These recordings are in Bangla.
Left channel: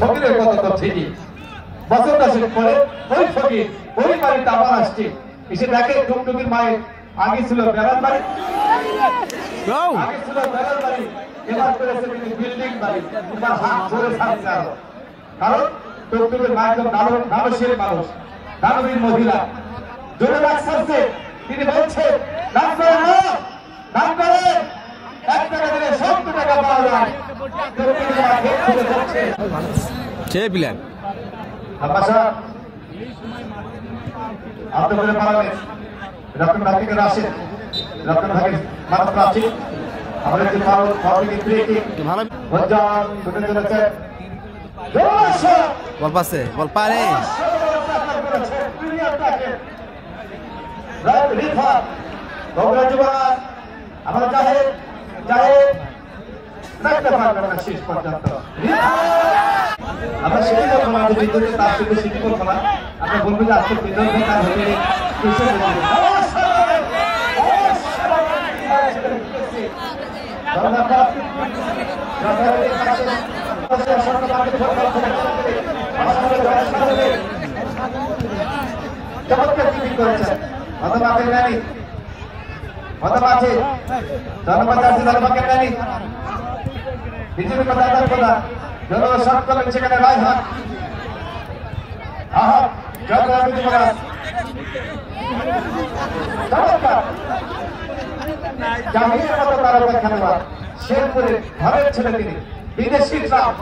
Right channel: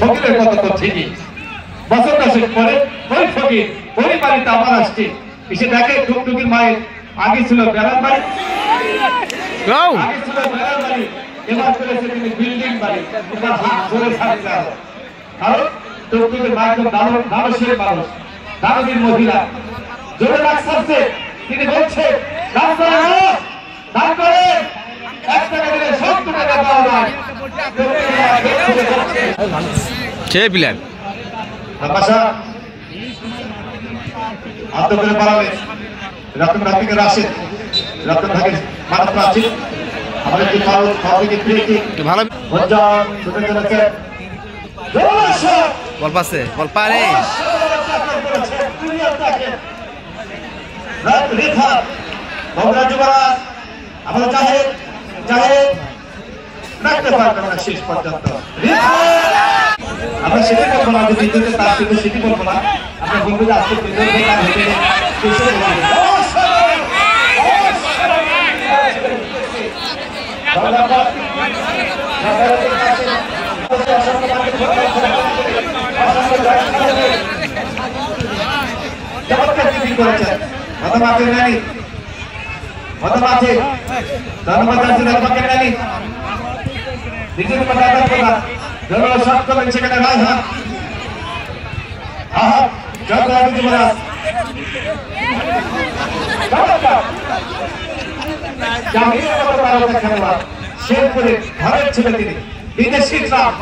ফকিরের কথা তো ঠিকই, বছর দশেক পরে ওই ফকির ওই বাড়িতে আবার আসছে, এসে দেখে টুকটুকির মায়ের আগে ছিল বেড়ার বাড়ি, আগে ছিল বেড়ার বাড়ি, এবার করেছে তিনি বিল্ডিং বাড়ি, এবার জোরে থাকতে হবে। কারণ টুকটুকির মা একজন মানুষের মানুষ, দানবীর মহিলা, জোরে রাখছে, তিনি বলছে দান করে এক টাকা দিলে 70 টাকা পাওয়া যায়। কে প্ল্যান আকাশা আত্মগত পাবে রতন ঢাকিকে রাশে রতন ঢাকি মাত্র আছে আমাদের কি ভালো ভালো কি ভালো ভজন দুটো চলছে বল পাসে বল পারে রেখা বঙ্গরাজুরা আমরা চাহে রাখতে পারবে না শেষ পর্যন্ত। আমি সেটি করবো না, যে বিদ্যুৎ তার কিন্তু সেটি করবো না। আপনার বন্ধু আসতে বিদ্যুৎ তার হেঁটে শেরপুরে ঘরের ছেলে তিনি বিদেশি ট্রাক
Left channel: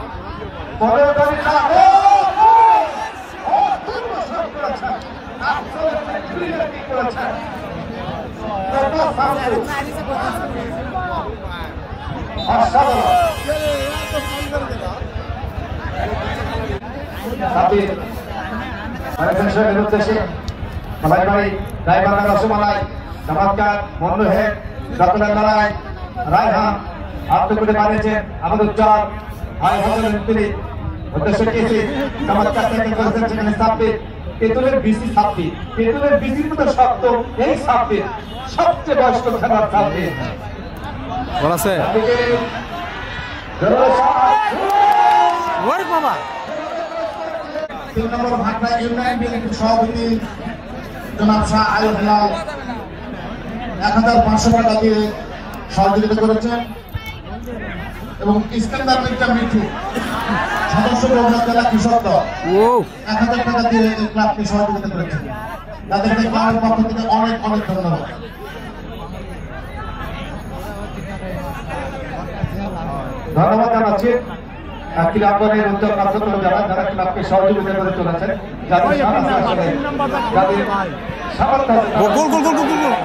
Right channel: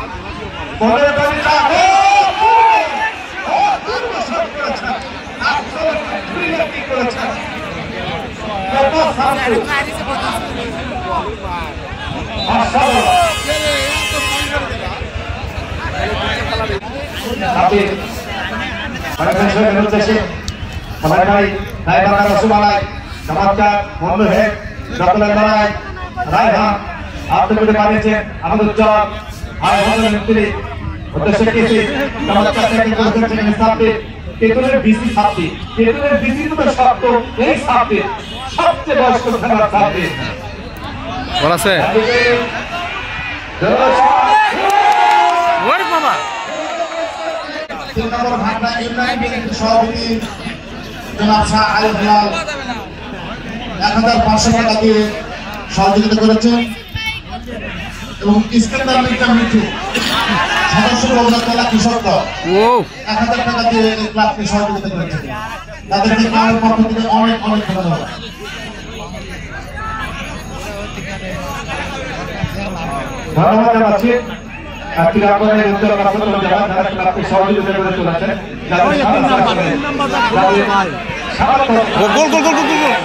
हमारे भाई ड्राइवर का सुनाई समाचार बोलो है डॉक्टर लड़ाई राय हां आप तो कुछ काले से हम जवाब आए हम मित्र उद्देश्य के से समाचार के कोशिश के साथ केतुरे बीसी साथी केतुरे बीसी तो शब्द यही साथी सबसे बड़ा धन्यवाद साथी বলা আছে ওরে বাবা 3 নম্বর ভাগনা ইউনাইটেড বিএনপি সভাপতি জনাব শাহ আয়ুব লাল 1500 টাকা দিয়ে সহযোগিতা করেছেন এবং ইস্তেমার কমিটি সদস্য বগুড়া জেলা কৃষক দল 1000 টাকা দিয়ে এই ক্লাবকে সহযোগিতা করেছেন। তাদেরকে ক্লাবের পক্ষ থেকে অনেক অনেক ধন্যবাদ। ধন্যবাদ জানাচ্ছি ক্রীড়াঙ্গনের উদ্যোগ রাখতে যারা ক্লাবকে সহযোগিতা করে চলেছেন, যাদের সাহায্য করে যাদের সাহায্য গোল গোল গোল গোল গোল